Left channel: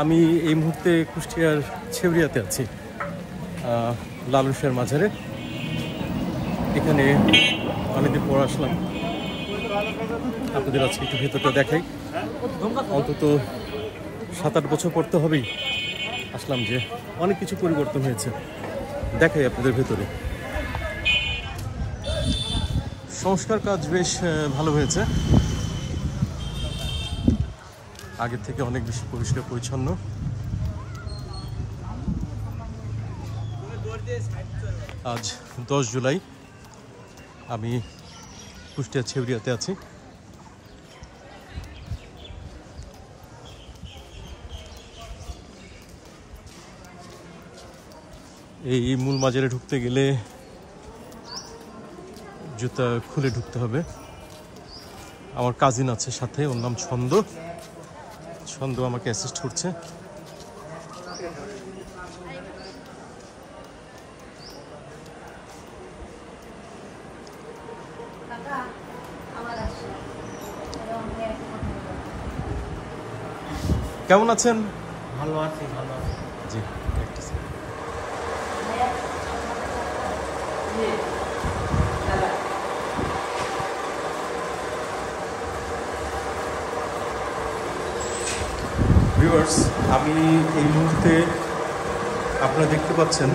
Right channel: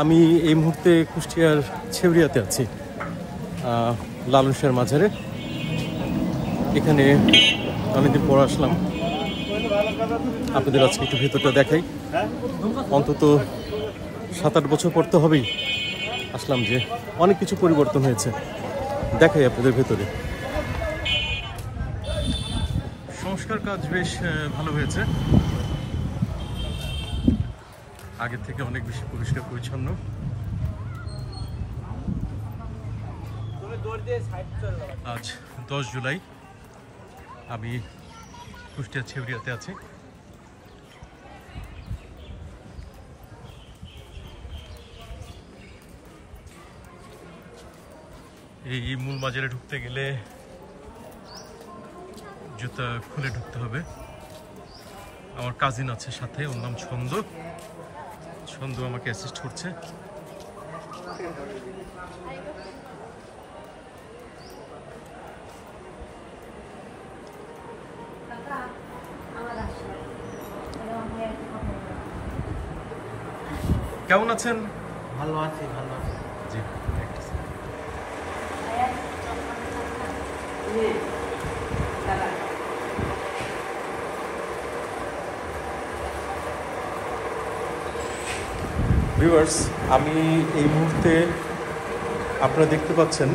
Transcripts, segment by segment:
আমি এই মুহূর্তে কুষ্টিয়ার ছেউরিয়াতে আছি, লালন শাহের মাজারে। এখানে অনেকদিন পর আসলাম, আপনাদের আজকে একটু ভেতরটা দেখাই। অন্তত 7-8 বছর পর তো হবেই আসলাম, যে অনেক কিছু পরিবর্তন হয়েছে, দেখাই আপনাদের ভেতরে। সংস্কার কাজ বেশ ভালো হয়েছে, আগের থেকে অনেক বেশি পরিষ্কার পরিচ্ছন্ন। আজ 10 জুলাই, আমি কুষ্টিয়া ছেউরিয়াতে আছি। এই মূল মাজারে ঢুকতে গেলে জুতা খুলে ঢুকতে হবে। আমার কাজিন আছে সাথে, ওর নাম ছন্দ। ছন্দ আমাকে অ্যাসিস্ট করছে। কেমন আছেন? ভালো আছি, ভালো আছি। জি, ভিউয়ার্স, আমি এই মুহূর্তে আপনারা দেখতে পাচ্ছেন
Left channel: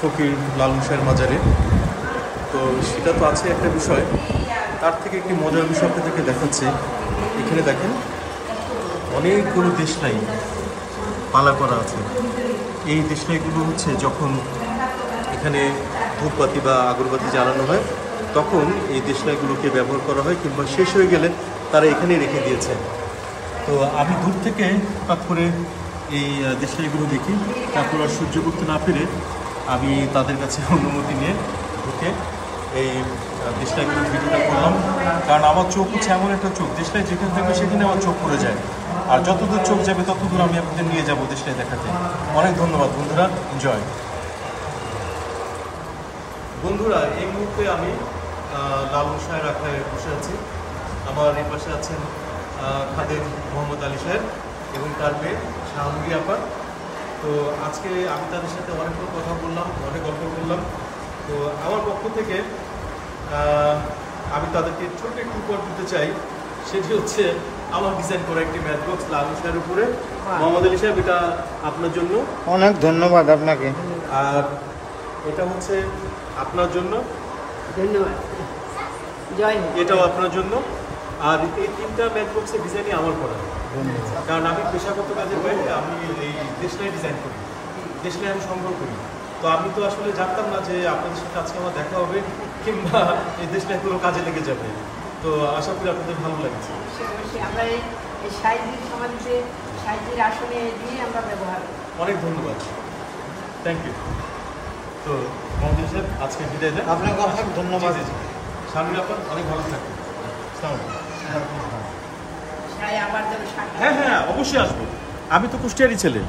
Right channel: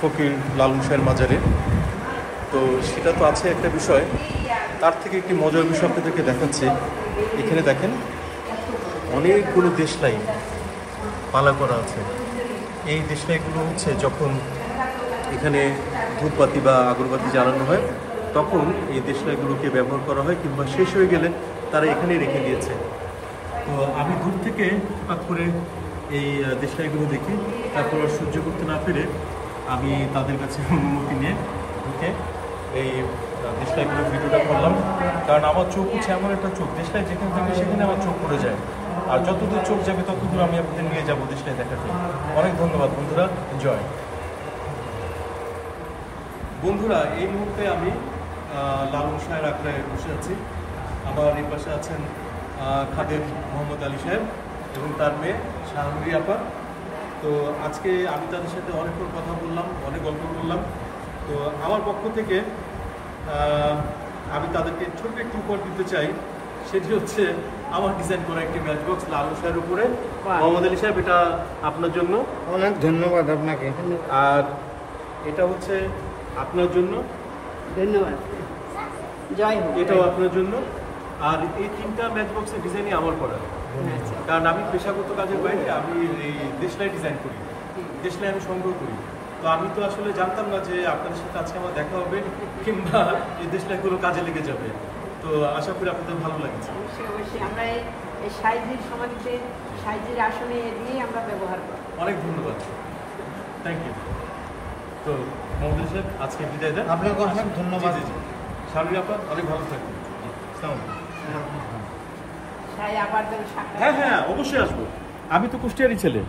ফকির লালন শাহের মাজারে। তো সেটা তো আছে একটা বিষয়, তার থেকে একটি মজার বিষয় আপনাদেরকে দেখাচ্ছি। এখানে দেখেন অনেকগুলো দেশলাই পালা করা আছে। এই দেশলাইগুলো হচ্ছে যখন এখানে ধূপবাতি বা আগরবাতি জ্বালানো হয়, তখন এই দেশলাইগুলোকে ব্যবহার করা হয়, কিংবা শেষ হয়ে গেলে তারা এখানেই রেখে দিয়েছে। তো আমি দূর থেকে হঠাৎ করে এই দেশলাইগুলো দেখি, তারপর আর সহ্য করতে না পেরে আমি তাদের কাছে অনুমতি নিয়ে ঢুকে এই দেশলাইগুলো ভিডিওটা করলাম। কারণ আমার চোখ হচ্ছে এমন একটা চোখ, দেশলাই যেখানে থাকবে সেখানে আমার চোখ পড়ে যায়, আর যতদূর চোখ যাবে ততদূর আমি আপনাদের নিয়ে যাবো দেশলাই দেখাতে। অনেক ধন্যবাদ বন্ধুরা, এনজয়। বন্ধুরা, এই মুহূর্তে আমি লালন শাহের আখড়ায় বসে আছি। আমার এই পাশে আছেন খাদেম মোহাম্মদ আলী সাহেব এবং তার মেয়ে শাহনুরি আপা। তো আজকে আমি তাদের সাথে অনেকক্ষণ কথা বললাম, অনেক গল্প করলাম। তো আমার পক্ষ থেকে আমি তাদেরকে ছোট্ট একটু উপহার দিতে চাই। সেটি হচ্ছে আমার ডিজাইন করা একটি ম্যাচ বক্স লালন শাহের উপরে। মোহাম্মদ আলী সাহেব, এটা আপনার জন্য। অনেক ধন্যবাদ আপনাকে। আর এটা হচ্ছে আপনার জন্য। ধন্যবাদ। জয় হোক। এটাও আপনার জন্য। আর এই 3টা ম্যাচ বক্সের ডিজাইনই আমার করা, কারণ আমি পেশাগত কাজের বাইরে আমি এই দেশলাই ডিজাইন করি, দেশলাই আমি সংগ্রহ করি। তো আমি তো আসলে জানতাম না যে আপনাদের সাথে আজকে আমার দেখা হবে, কিংবা এই দেশলাইগুলো কাজে লেগে যাবে। তো আশা করি আপনাদের ভালো লাগছে। আমরা এই সাইজের সমাজে সাইজের আসলে দিয়ে আমরা ব্যবহার করি। অনেক ধন্যবাদ, থ্যাংক ইউ। তো মোহাম্মদ সাহেব, আজকে বিদায় দেন। আপনাকে অনেক ধন্যবাদ। জি জি, শানুরি আপা অনেক ভালো থাকবেন। আসসালামু আলাইকুম। আবার দেবো। হ্যাঁ হ্যাঁ, অবশ্যই আসবো। আমি তো কুষ্টিয়ারই ছেলে।